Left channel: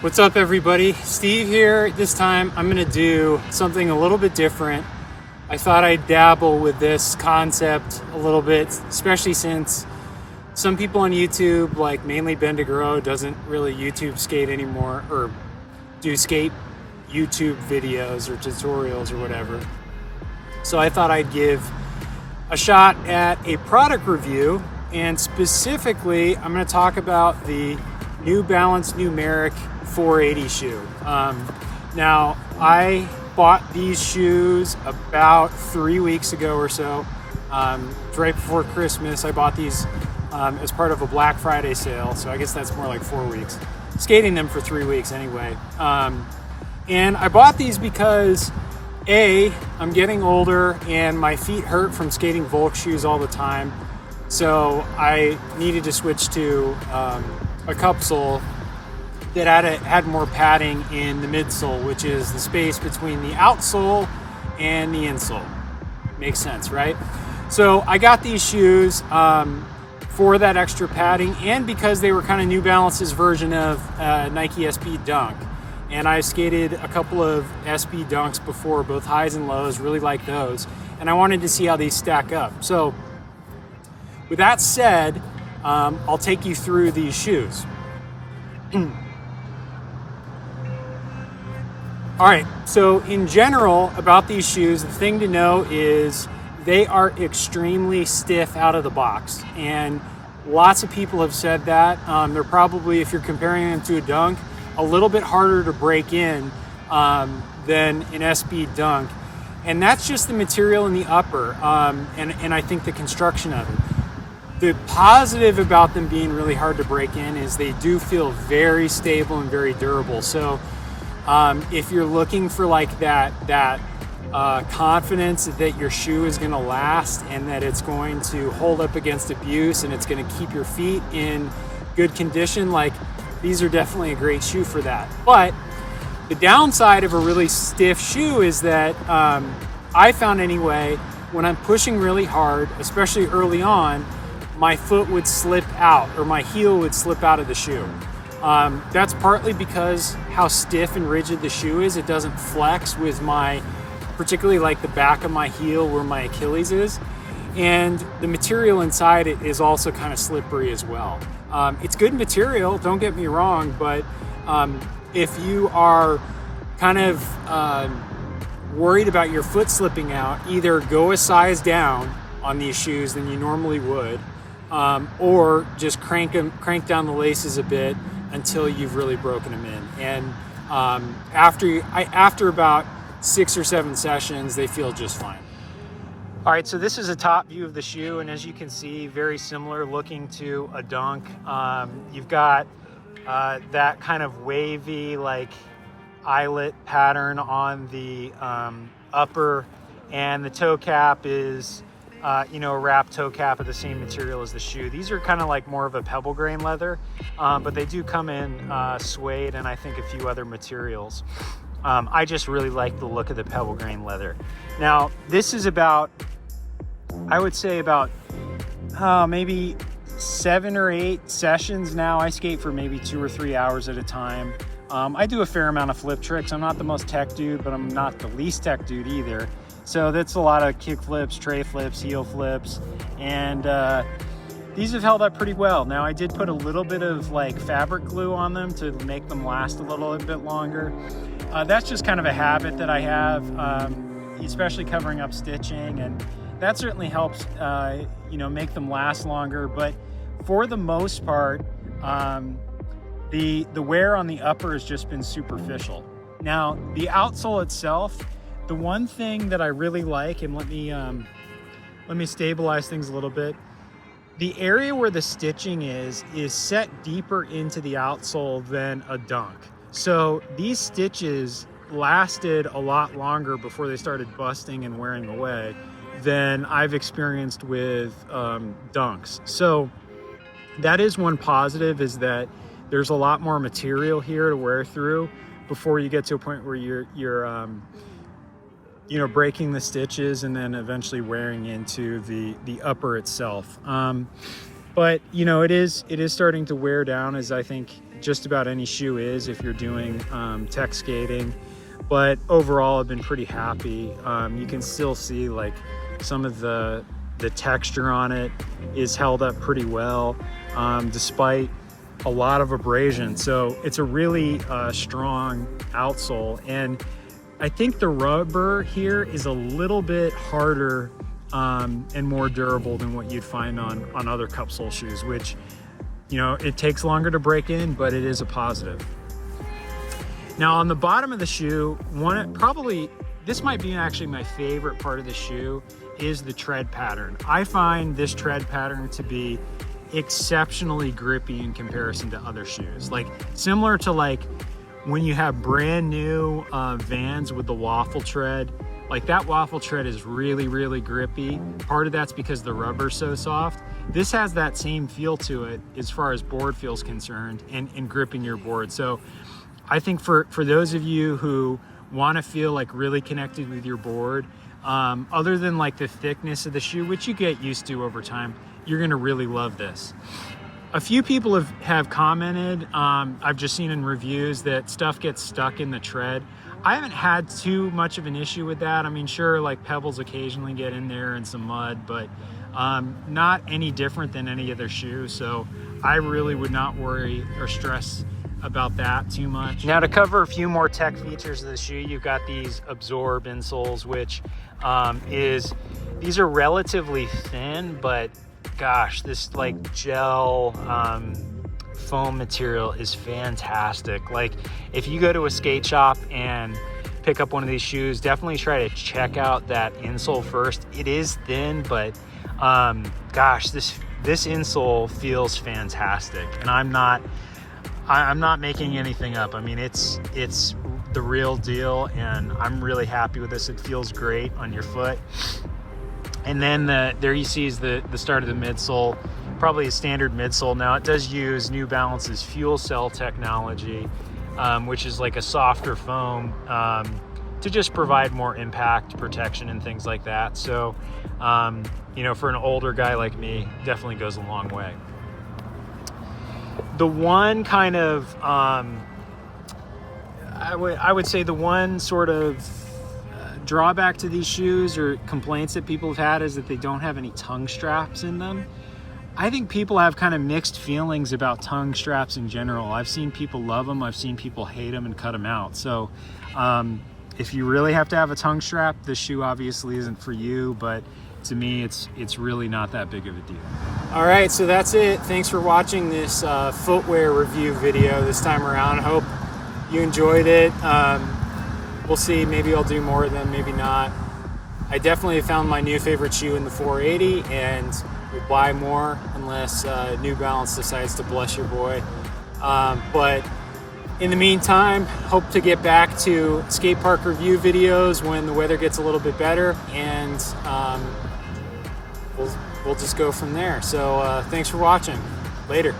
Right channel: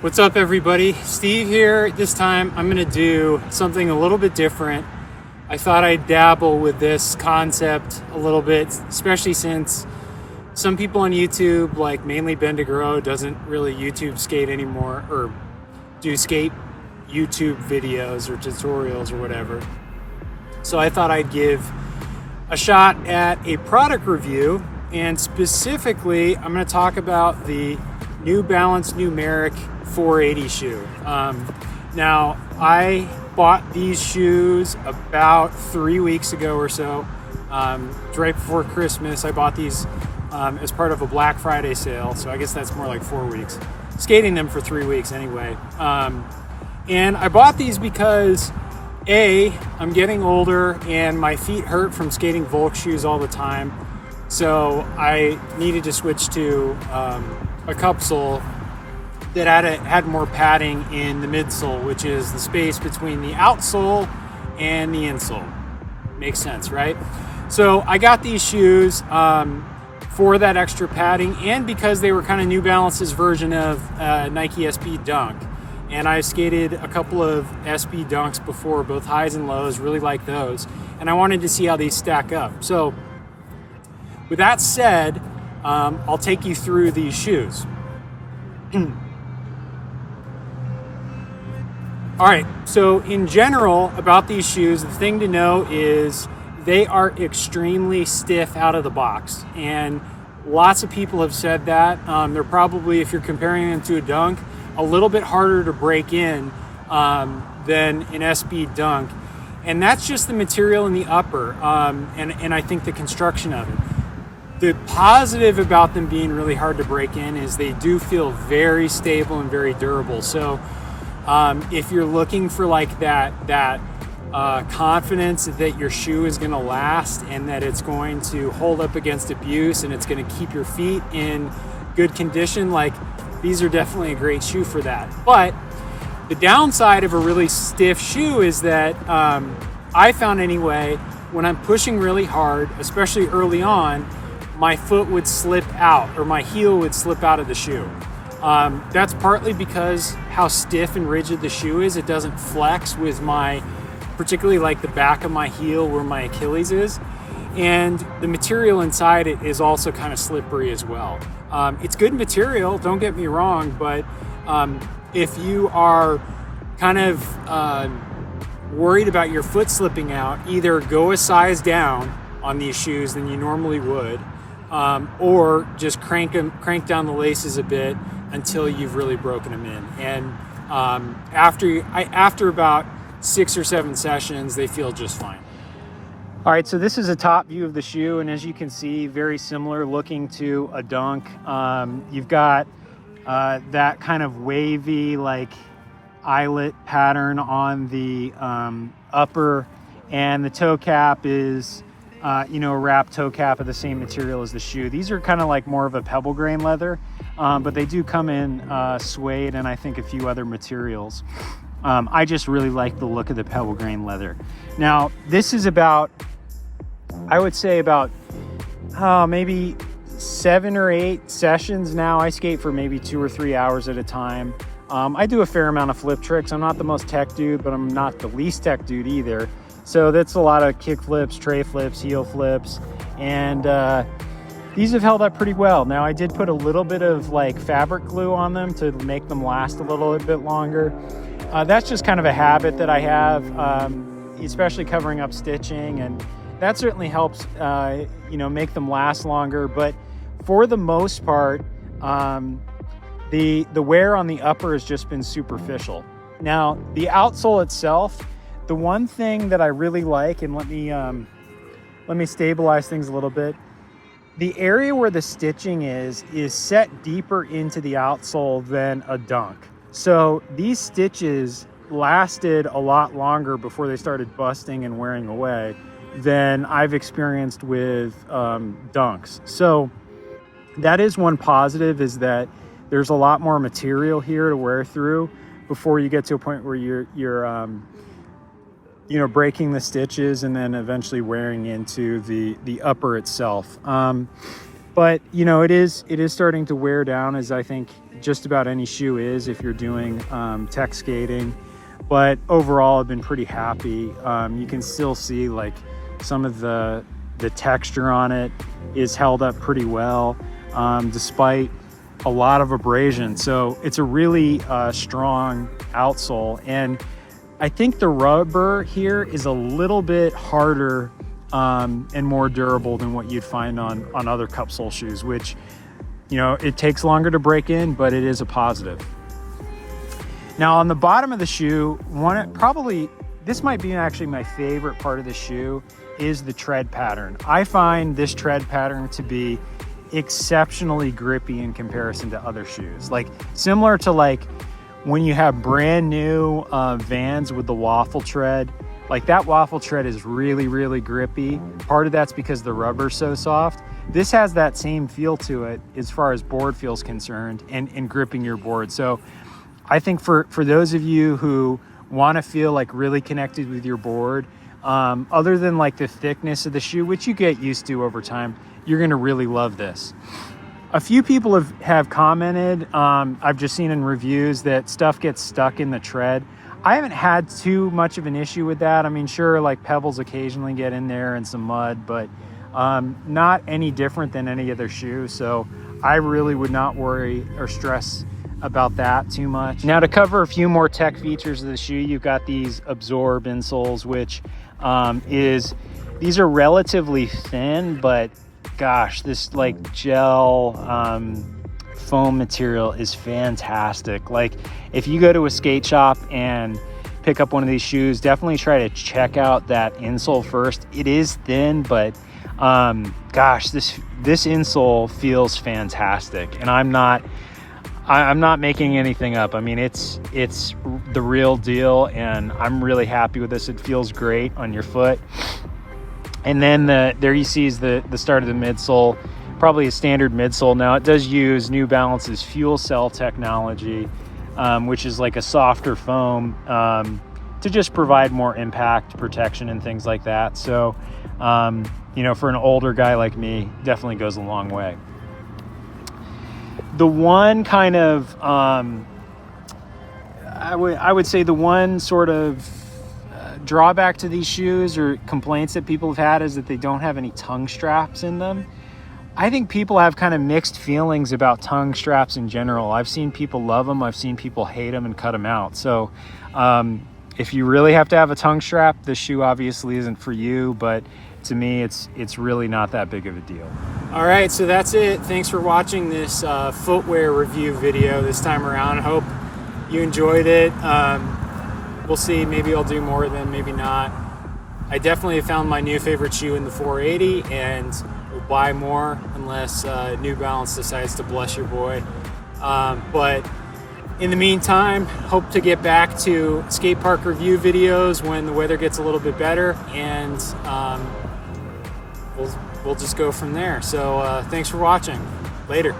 What's up, everybody? Steve here. This time I'm going to do something a little bit different. I thought I'd dabble with this concept a little bit, especially since some people on YouTube, like mainly Ben DeGro, doesn't really YouTube skate anymore or do skate YouTube videos or tutorials or whatever. So I thought I'd give a shot at a product review, and specifically I'm going to talk about the new Balance Numeric 480 shoe. Now, I bought these shoes about 3 weeks ago or so. Right before Christmas, I bought these as part of a Black Friday sale, so I guess that's more like 4 weeks. Skating them for 3 weeks anyway. And I bought these because I'm getting older and my feet hurt from skating Volk shoes all the time. So I needed to switch to a cup sole that had more padding in the midsole, which is the space between the outsole and the insole. Makes sense, right? So I got these shoes for that extra padding, and because they were kind of New Balance's version of Nike SB Dunk. And I skated a couple of SB Dunks before, both highs and lows, really like those. And I wanted to see how these stack up. So with that said, I'll take you through these shoes. All right, so in general about these shoes, the thing to know is they are extremely stiff out of the box. And lots of people have said that. They're probably, if you're comparing them to a Dunk, a little bit harder to break in than an SB Dunk. And that's just the material in the upper, and I think the construction of it. The positive about them being really hard to break in is they do feel very stable and very durable. So if you're looking for like that confidence that your shoe is going to last and that it's going to hold up against abuse and it's going to keep your feet in good condition, like these are definitely a great shoe for that. But the downside of a really stiff shoe is that I found anyway, when I'm pushing really hard, especially early on, my foot would slip out, or my heel would slip out of the shoe. That's partly because how stiff and rigid the shoe is. It doesn't flex with particularly like the back of my heel where my Achilles is. And the material inside it is also kind of slippery as well. It's good material, don't get me wrong, but if you are kind of worried about your foot slipping out, either go a size down on these shoes than you normally would, or just crank down the laces a bit until you've really broken them in. And after about 6 or 7 sessions, they feel just fine. All right, so this is a top view of the shoe, and as you can see, very similar looking to a Dunk. You've got that kind of wavy, like eyelet pattern on the upper, and the toe cap is a wrapped toe cap of the same material as the shoe. These are kind of like more of a pebble grain leather, but they do come in suede and I think a few other materials. I just really like the look of the pebble grain leather. Now, this is about, I would say about maybe 7 or 8 sessions now. I skate for maybe 2 or 3 hours at a time. I do a fair amount of flip tricks. I'm not the most tech dude, but I'm not the least tech dude either. So that's a lot of kick flips, tray flips, heel flips, and these have held up pretty well. Now, I did put a little bit of like fabric glue on them to make them last a little bit longer. That's just kind of a habit that I have, especially covering up stitching, and that certainly helps, make them last longer. But for the most part, the wear on the upper has just been superficial. Now, the outsole itself, the one thing that I really like, and let me stabilize things a little bit. The area where the stitching is set deeper into the outsole than a Dunk. So these stitches lasted a lot longer before they started busting and wearing away than I've experienced with Dunks. So that is one positive, is that there's a lot more material here to wear through before you get to a point where you're breaking the stitches and then eventually wearing into the upper itself. But you know, it is starting to wear down, as I think just about any shoe is if you're doing tech skating. But overall, I've been pretty happy. You can still see like some of the texture on it is held up pretty well, despite a lot of abrasion. So it's a really strong outsole, and I think the rubber here is a little bit harder and more durable than what you'd find on other cup sole shoes, which, you know, it takes longer to break in, but it is a positive. Now on the bottom of the shoe, this might be actually my favorite part of the shoe, is the tread pattern. I find this tread pattern to be exceptionally grippy in comparison to other shoes. Like similar to like when you have brand new Vans with the waffle tread, like that waffle tread is really, really grippy. Part of that's because the rubber's so soft. This has that same feel to it as far as board feel's concerned and gripping your board. So I think for those of you who want to feel like really connected with your board, other than like the thickness of the shoe, which you get used to over time, you're going to really love this. A few people have commented, I've just seen in reviews, that stuff gets stuck in the tread. I haven't had too much of an issue with that. I mean, sure, like pebbles occasionally get in there and some mud, but not any different than any other shoe. So I really would not worry or stress about that too much. Now to cover a few more tech features of the shoe, you've got these absorb insoles, which these are relatively thin, but gosh, this like gel foam material is fantastic. Like if you go to a skate shop and pick up one of these shoes, definitely try to check out that insole first. It is thin, but gosh, this insole feels fantastic, and I'm not making anything up. I mean, it's the real deal, and I'm really happy with this. It feels great on your foot. And then there you see is the start of the midsole, probably a standard midsole. Now it does use New Balance's fuel cell technology, which is like a softer foam to just provide more impact protection and things like that. So, you know, for an older guy like me, definitely goes a long way. The one kind of, I would say the one sort of drawback to these shoes or complaints that people have had is that they don't have any tongue straps in them. I think people have kind of mixed feelings about tongue straps in general. I've seen people love them, I've seen people hate them and cut them out. So if you really have to have a tongue strap, this shoe obviously isn't for you, but to me it's really not that big of a deal. All right, so that's it. Thanks for watching this footwear review video this time around. I hope you enjoyed it. We'll see, maybe I'll do more of them, maybe not. I definitely found my new favorite shoe in the 480, and we'll buy more unless New Balance decides to bless your boy. But in the meantime, hope to get back to skate park review videos when the weather gets a little bit better, and we'll just go from there. So thanks for watching. Later.